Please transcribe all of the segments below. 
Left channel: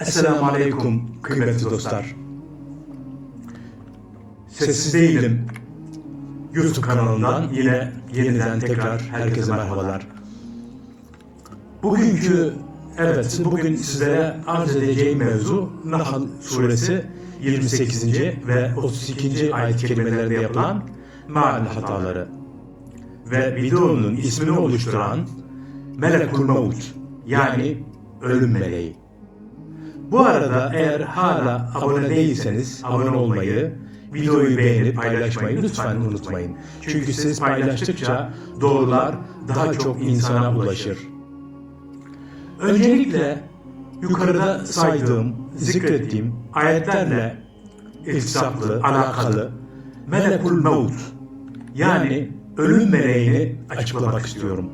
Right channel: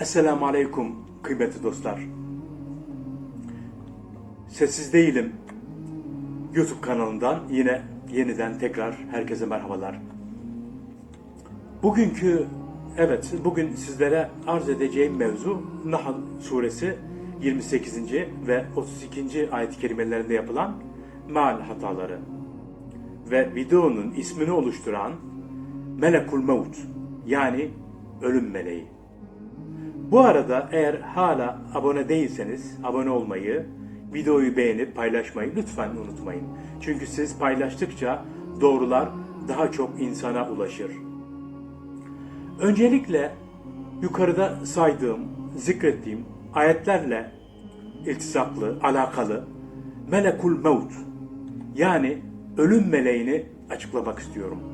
Esselamu Aleyküm kıymetli dostlar. Sessiz değilim. YouTube kanalından yine yeniden tekrar herkese merhabalar. Bugünkü, evet bugün sizlere arz edeceğim mevzu Nahl suresi 28. ve 32. ayet kelimelerinde yapılan meal hataları ve videonun ismini oluşturan Melekul Mevut yani ölüm meleği. Bu arada eğer hala abone değilseniz abone olmayı, videoyu beğenip paylaşmayı lütfen unutmayın. Çünkü siz paylaştıkça doğrular daha çok insana ulaşır. Öncelikle yukarıda saydığım, zikrettiğim ayetlerle iltisaklı, alakalı Melekul Mevut yani ölüm meleğini açıklamak istiyorum.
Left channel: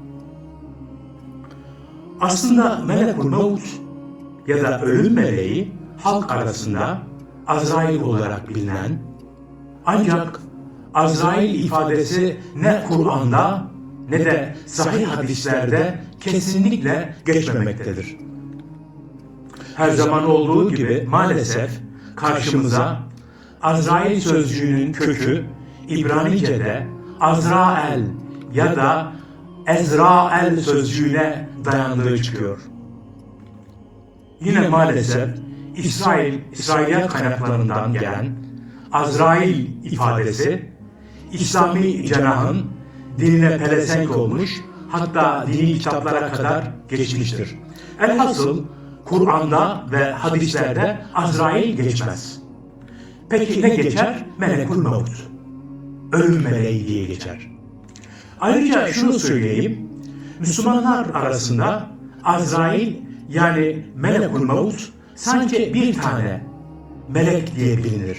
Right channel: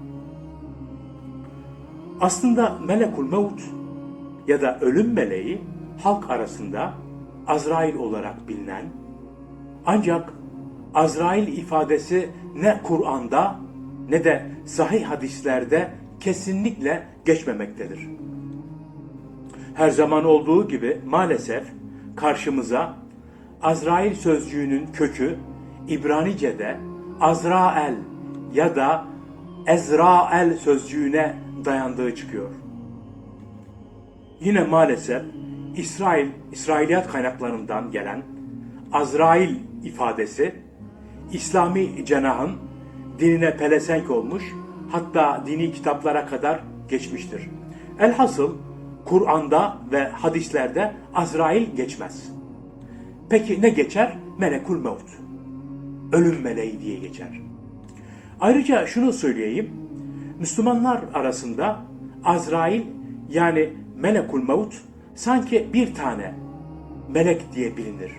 Aslında Melekul Mevut ya da ölüm meleği halk arasında Azrail olarak bilinen ancak Azrail ifadesi ne Kur'an'da ne de sahih hadislerde kesinlikle geçmemektedir. Her zaman olduğu gibi maalesef karşımıza Azrail sözcüğünün kökü İbranice'de Azrael ya da Ezrael sözcüğüne dayandığı çıkıyor. Yine maalesef İsrail, İsrailiyat kaynaklarından gelen Azrail ifadesi İslami cenahın dinine pelesenk olmuş hatta dini kitaplara kadar geçmiştir. Elhasıl Kur'an'da ve hadislerde Azrail geçmez. Peki ne geçer? Melekul Mevut. Ölüm meleği diye geçer. Ayrıca şunu söyleyeyim. Müslümanlar arasında Azrail yani Melekul Mevut sanki bir tane melek diye bilinir.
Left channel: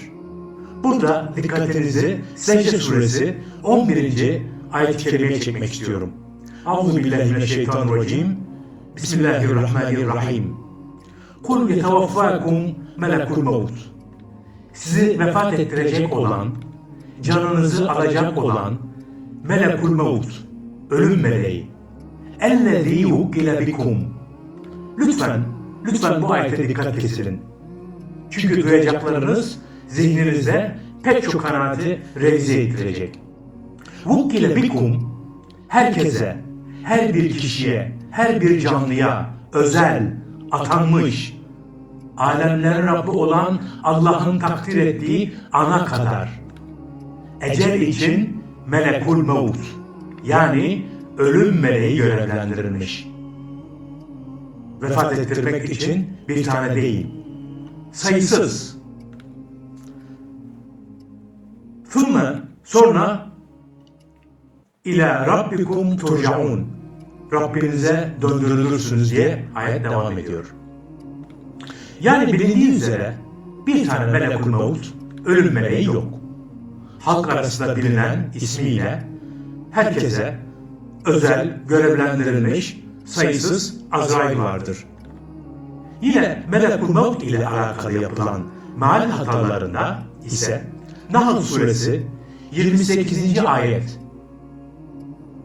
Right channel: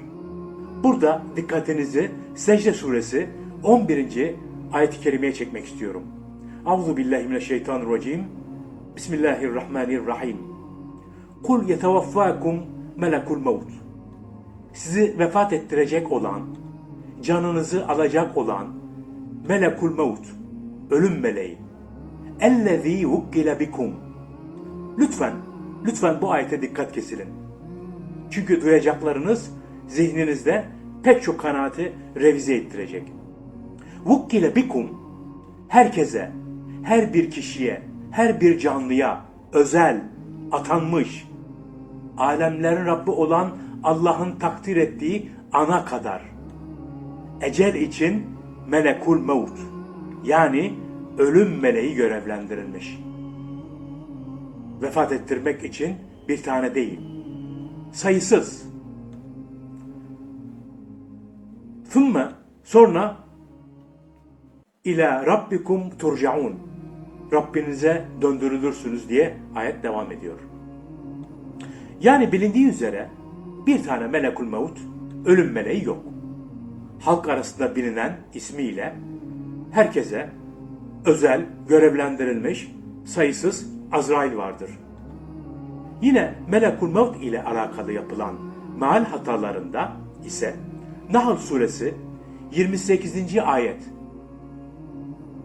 Burada dikkatinizi Secde suresi 11. ayet-i kerimeye çekmek istiyorum. Euzu billahi mineşşeytanirracim. Bismillahirrahmanirrahim. Kul yetevaffakum melekul mevut. Sizi vefat ettirecek olan, canınızı alacak olan melekul mevut, ölüm meleği. Ellezî hukkile bikum. Lütfen, lütfen bu ayete dikkat kesilin. Çünkü duyacaklarınız zihninizde pek çok kanaati revize ettirecek. Vukkile bikum herkese, her bir kişiye, her bir canlıya özel, atanmış, alemlerin Rabbi olan Allah'ın takdir ettiği ana kadar. Ecel için melekul mevut yani ölüm meleği görevlendirilmiş. Vefat ettirmek için bir tane değil, sayısız. Thumma sonra ila rabbikum turcaun. Rabbinize döndürülürsünüz diye ayet devam ediyor. Yani bilindiği üzere bir tane melekul mevut, ölüm meleği yok. Halk arasında bilinen ismiyle herkese özel görevlendirilmiş sayısız Azrail vardır. Yine Melekul Mevt ile alakalı yapılan meal hatalarında ise Nahl suresi 28. ayet.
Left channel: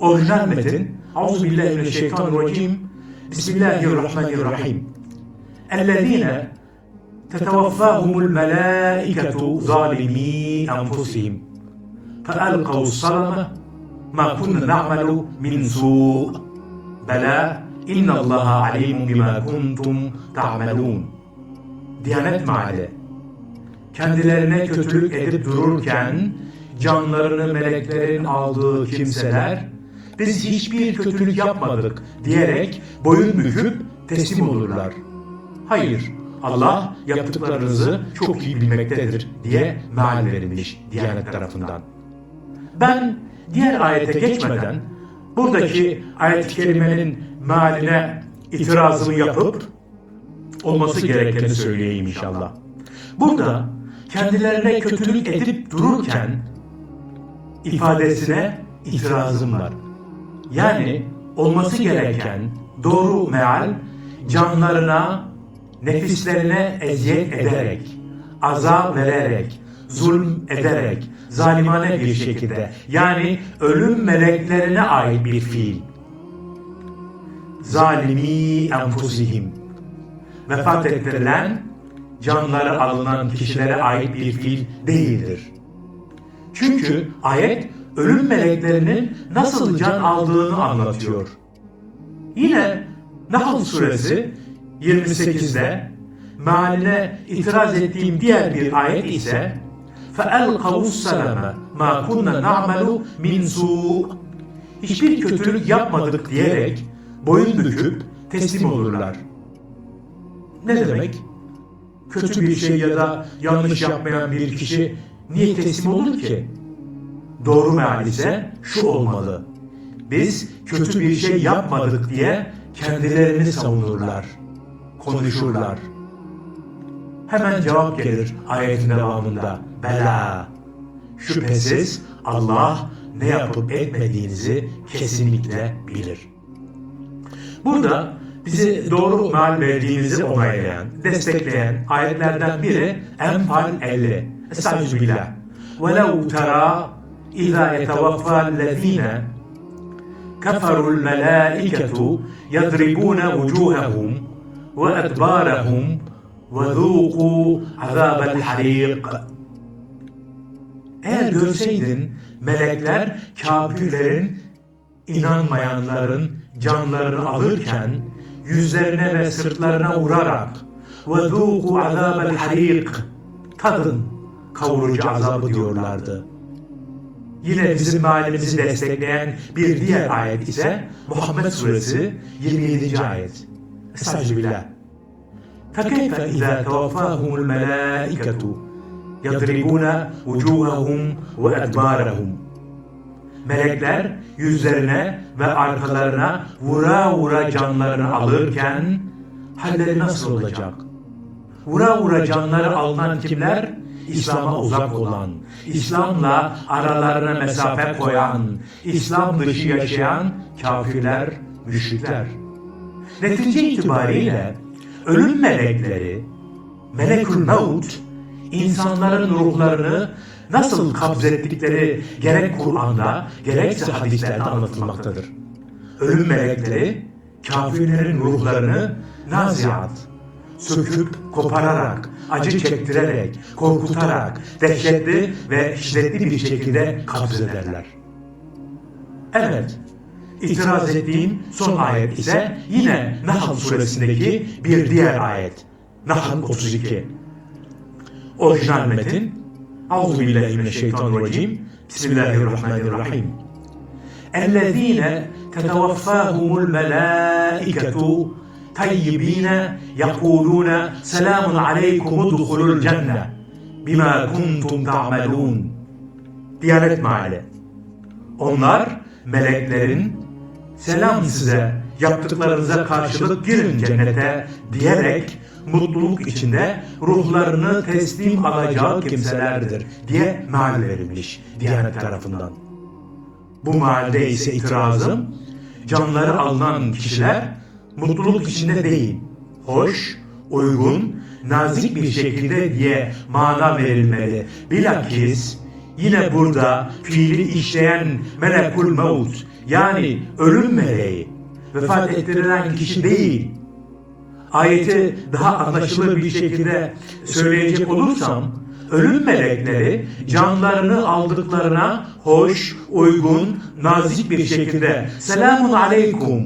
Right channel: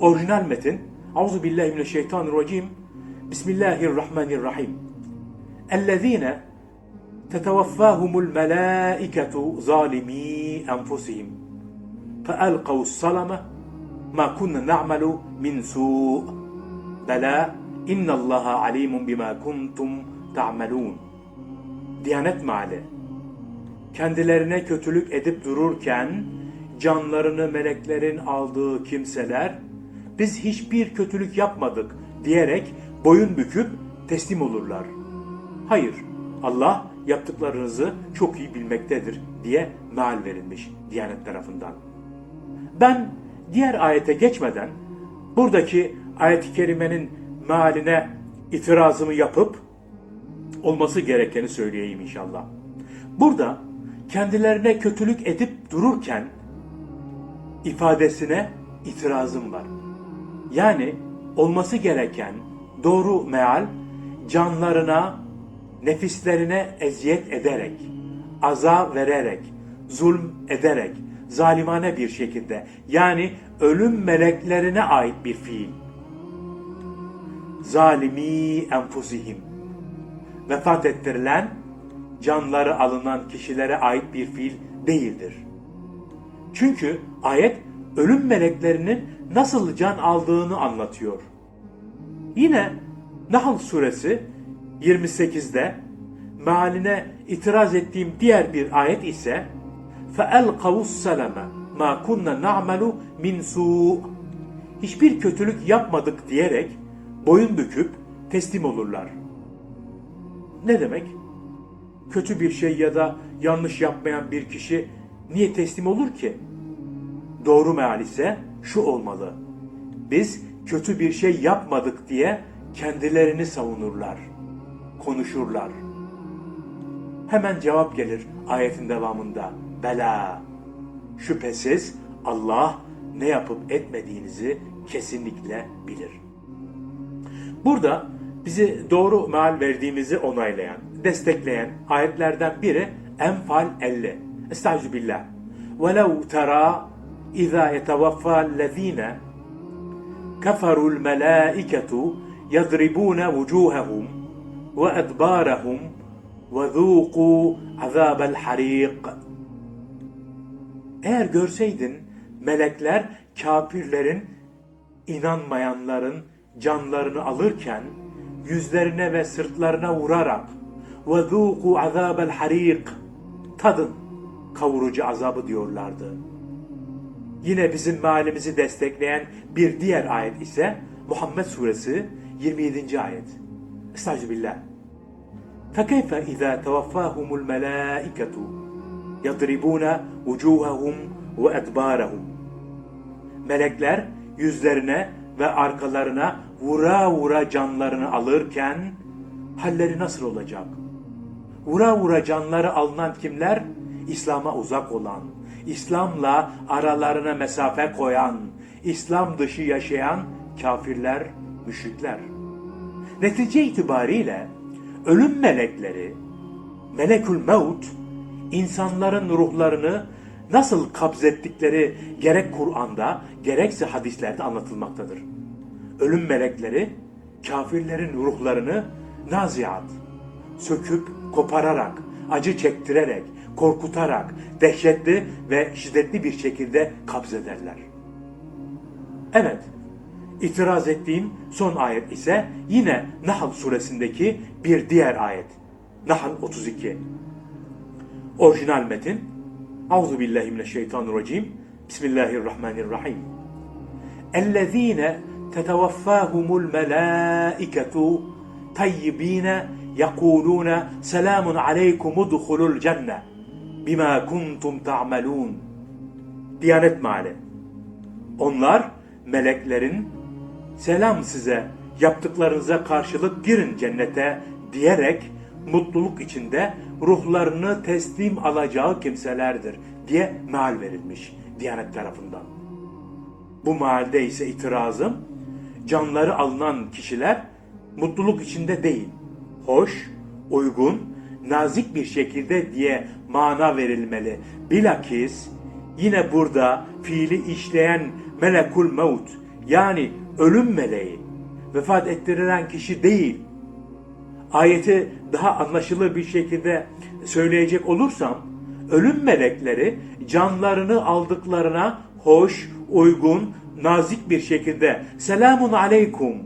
Orijinal metin Auzu billahi mineşşeytanirracim. Bismillahirrahmanirrahim. Ellezine tetawaffahumul melaiketu zalimi enfusihim. Feelkav salama ma kunna na'melu min su' bela İnnallaha alimun bima kuntum ta'melun. Diyanet maali. Kendilerine kötülük edip dururken canlarını meleklerin aldığı kimseler biz hiçbir kötülük yapmadık diyerek boyun büküp teslim olurlar. Hayır, Allah yaptıklarınızı çok iyi bilmektedir diye meal verilmiş Diyanet tarafından. Ben diğer ayete geçmeden buradaki ayet-i kerimenin mealine itirazımı yapıp olması gerekeni söyleyeyim inşallah. Burada kendilerine kötülük edip dururken ifadesine itirazım var. Yani olması gereken doğru meal canlarına, nefislerine eziyet ederek, aza vererek, zulm ederek, zalimane bir şekilde yani ölüm meleklerine ait bir fiil Zalimi enfusihim. vefat ettirilen, canları alınan kişilere ait bir fiil değildir. Çünkü ayet ölüm meleklerinin nasıl can aldığını anlatıyor. Yine Nahl suresi 28'de mealine itiraz ettiğim diğer bir ayet ise فَاَلْقَوُ السَّلَمَ مَا كُنَّ نَعْمَلُ مِنْ سُوءٍ Hiçbir kötülük yapmadık diyerek boyun büküp teslim olurlar. Ne demek? Kötü bir şey ya da yanlış yapmayan bir kişi niye teslim olur ki? Doğru meal ise şu olmalı. Biz kötü bir şey yapmadık diye kendilerini savunurlar, konuşurlar. Hemen cevap gelir ayetin devamında. Bela. Şüphesiz Allah ne yapıp etmediğinizi kesinlikle bilir. Burada bizi doğru meal verdiğimizi onaylayan, destekleyen ayetlerden biri Enfal 50. Estağfirullah. وَلَوْ تَرَى اِذَا يَتَوَفَّى الَّذ۪ينَ كَفَرُوا الْمَلَائِكَةُ يَضْرِبُونَ وُجُوهَهُمْ وَأَدْبَارَهُمْ وَذُوقُوا عَذَابَ الْحَرِيقِ Eğer görseydin melekler kafirlerin, inanmayanların canlarını alırken yüzlerine ve sırtlarına vurarak وَذُوقُوا عَذَابَ الْحَرِيقِ Tadın kavurucu azabı diyorlardı. Yine bizim mealimizi destekleyen bir diğer ayet ise Muhammed Suresi 27. ayet. Estağfirullah. فَكَيْفَ اِذَا تَوَفَّاهُمُ الْمَلَائِكَةُ يَضْرِبُونَ وُجُوهَهُمْ وَاَدْبَارَهُمْ Melekler yüzlerine ve arkalarına vura vura canlarını alırken halleri nasıl olacak? Vura vura canları alınan kimler? İslam'a uzak olan, İslam'la aralarına mesafe koyan, İslam dışı yaşayan kafirler, müşrikler. Netice itibariyle ölüm melekleri, melekül mevt, insanların ruhlarını nasıl kabzettikleri gerek Kur'an'da gerekse hadislerde anlatılmaktadır. Ölüm melekleri kafirlerin ruhlarını naziat, söküp kopararak, acı çektirerek, korkutarak, dehşetli ve şiddetli bir şekilde kabzederler. Evet, itiraz ettiğim son ayet ise yine Nahl suresindeki bir diğer ayet. Nahl 32. Orijinal metin Euzu billahi mineşşeytanirracim. Bismillahirrahmanirrahim. Ellezine tetevaffahumul melaiketu tayyibine yekulune selamun aleykum udhulul cenne bima kuntum ta'melun. Diyanet Meali. Onlar meleklerin selam size yaptıklarınıza karşılık girin cennete diyerek mutluluk içinde ruhlarını teslim alacağı kimselerdir diye meal verilmiş Diyanet tarafından. Bu mealde ise itirazım canları alınan kişiler mutluluk içinde değil, hoş, uygun, nazik bir şekilde diye mana verilmeli. Bilakis yine burada fiili işleyen melekul mevt yani ölüm meleği vefat ettirilen kişi değil. Ayeti daha anlaşılır bir şekilde söyleyecek olursam ölüm melekleri canlarını aldıklarına hoş, uygun, nazik bir şekilde selamun aleykum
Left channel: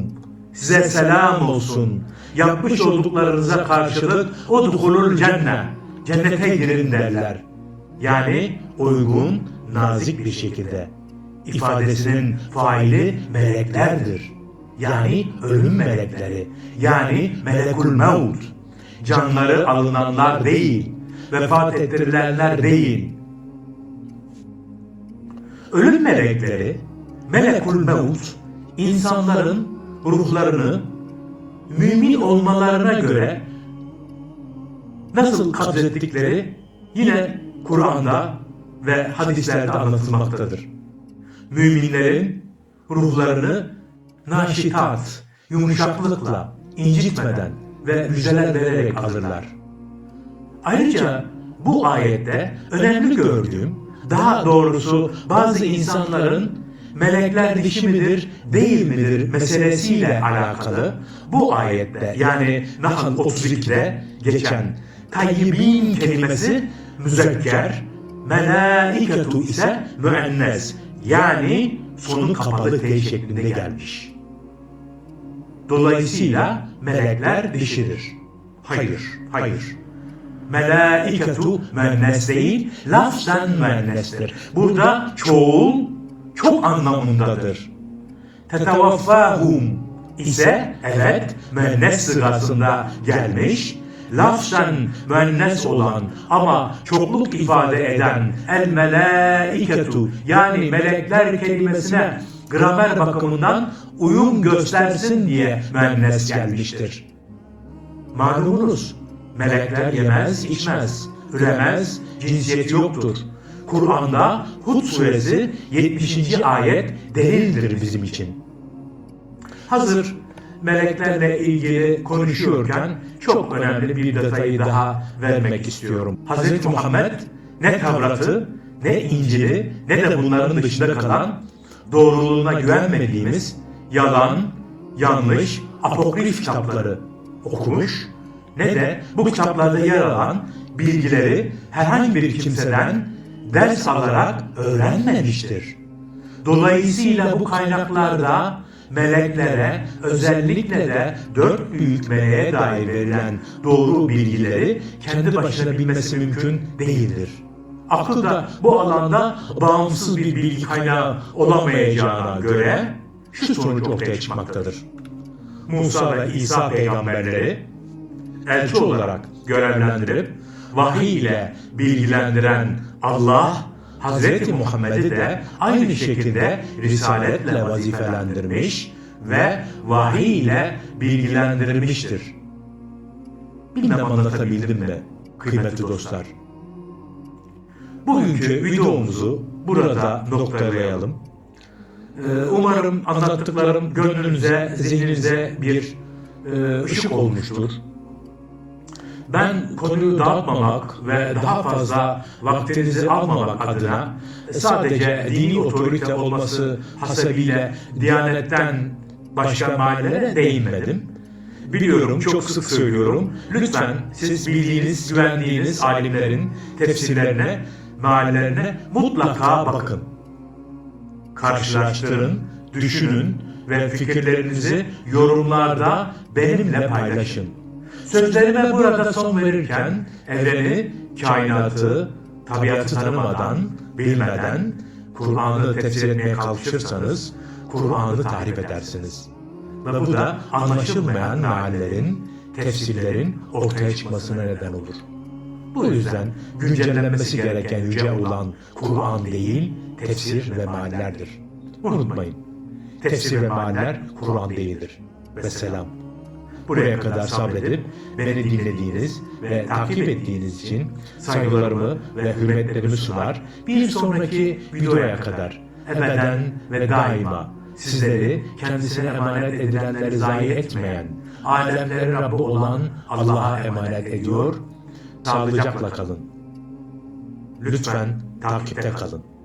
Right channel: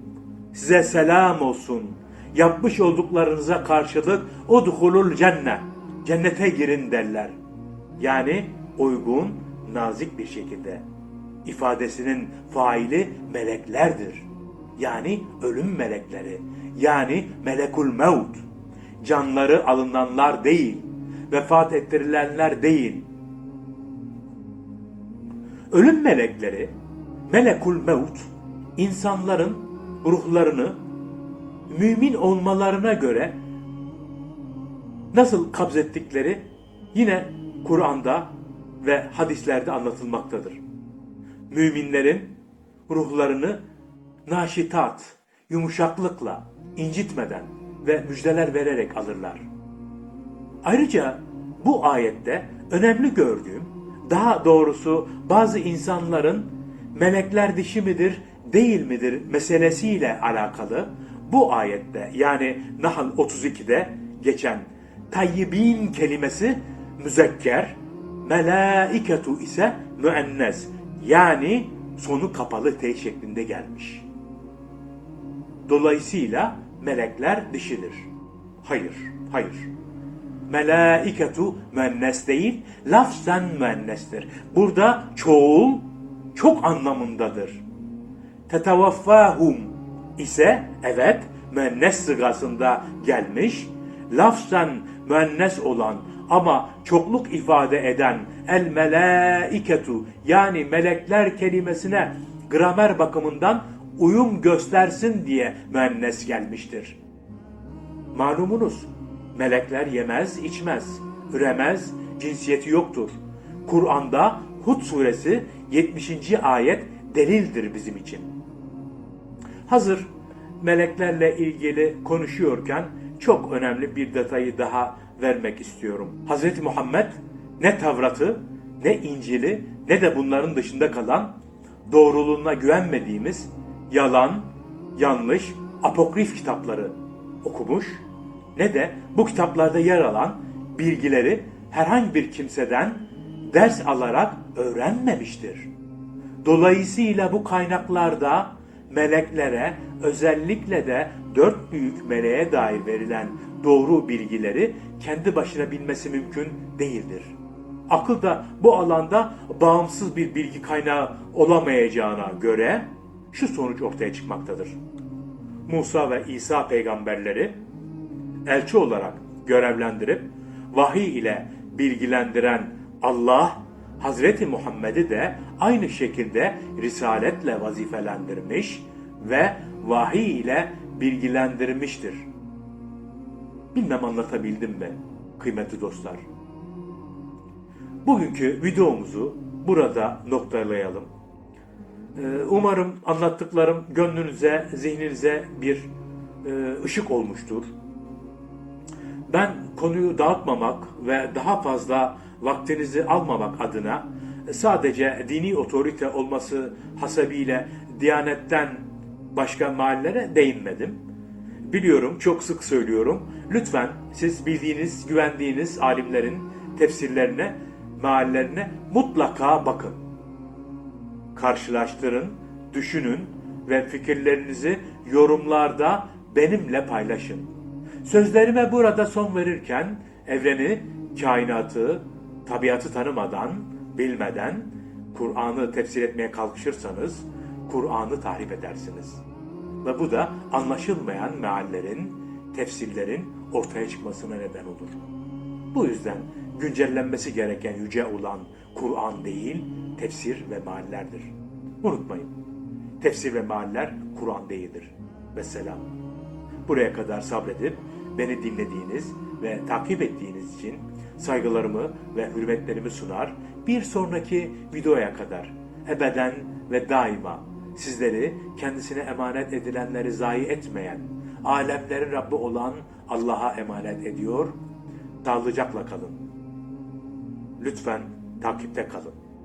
size selam olsun. Yapmış olduklarınıza karşılık o dukulul cennet. Cennete girin derler. Yani uygun, nazik bir şekilde. ifadesinin faili meleklerdir. Yani ölüm melekleri. Yani melekul mevt. Canları alınanlar değil. Vefat ettirilenler değil. Ölüm melekleri, melekul mevt, insanların ruhlarını mümin olmalarına göre nasıl kabzettikleri yine Kur'an'da ve hadislerde anlatılmaktadır. Müminlerin ruhlarını naşitat, yumuşaklıkla, incitmeden ve müjdeler vererek alırlar. Ayrıca bu ayette önemli gördüğüm, daha doğrusu bazı insanların melekler dişi midir, değil midir meselesiyle alakalı bu ayette yani Nahl 32'de geçen tayyibin kelimesi müzekker, melaiketu ise müennes yani sonu kapalı T şeklinde gelmiş. Dolayısıyla melekler dişidir. Hayır, hayır. Melaiketu müennes değil, lafzen müennestir. Burada çoğul çok anlamındadır. Tetavaffahum ise evet müennes sıgasında gelmiş. Lafzen müennes olan ama çokluk ifade eden el melaiketu yani melekler kelimesine gramer bakımından uyum göstersin diye müennes gelmiştir. Malumunuz melekler yemez, içmez, üremez, cinsiyeti yoktur. Kur'an'da Hud suresi 70. ayet delildir bizim için. Hazır meleklerle ilgili konuşuyorken çok önemli bir detayı daha vermek istiyorum. Hz. Muhammed ne Tevrat'ı, ne İncil'i, ne de bunların dışında kalan doğruluğuna güvenmediğimiz yalan, yanlış, apokrif kitapları okumuş ne de bu kitaplarda yer alan bilgileri herhangi bir kimseden ders alarak öğrenmemiştir. Dolayısıyla bu kaynaklarda meleklere özellikle de dört büyük meleğe dair verilen doğru bilgileri kendi başına bilmesi mümkün değildir. Akıl da bu alanda bağımsız bir bilgi kaynağı olamayacağına göre şu sonuç ortaya çıkmaktadır. Musa ve İsa peygamberleri elçi olarak görevlendirip vahiy ile bilgilendiren Allah Hazreti Muhammed'i de aynı şekilde risaletle vazifelendirmiş ve vahiy ile bilgilendirmiştir. Bilmem anlatabildim mi kıymetli dostlar? Bugünkü videomuzu burada noktalayalım. Ee, Umarım anlattıklarım gönlünüze, zihninize bir e, ışık olmuştur. Ben konuyu dağıtmamak ve daha fazla vaktinizi almamak adına sadece dini otorite olması hasebiyle Diyanet'ten başka mahallelere değinmedim. Biliyorum, çok sık söylüyorum. Lütfen siz bildiğiniz, güvendiğiniz alimlerin tefsirlerine, mahallelerine mutlaka bakın. Karşılaştırın, düşünün ve fikirlerinizi yorumlarda benimle paylaşın. Sözlerime burada son verirken evreni, kainatı, tabiatı tanımadan, bilmeden Kur'an'ı tefsir etmeye kalkışırsanız Kur'an'ı tahrip edersiniz. Ve bu da anlaşılmayan meallerin, tefsirlerin ortaya çıkmasına neden olur. Bu yüzden güncellenmesi gereken yüce olan Kur'an değil, tefsir ve meallerdir. Unutmayın, tefsir ve mealler Kur'an değildir. Vesselam. Buraya kadar sabredip beni dinlediğiniz ve takip ettiğiniz için saygılarımı ve hürmetlerimi sunar. Bir sonraki videoya kadar ebeden ve daima sizleri kendisine emanet edilenleri zayi etmeyen, alemlerin Rabbi olan Allah'a emanet ediyor. Sağlıcakla kalın. Lütfen takipte kalın.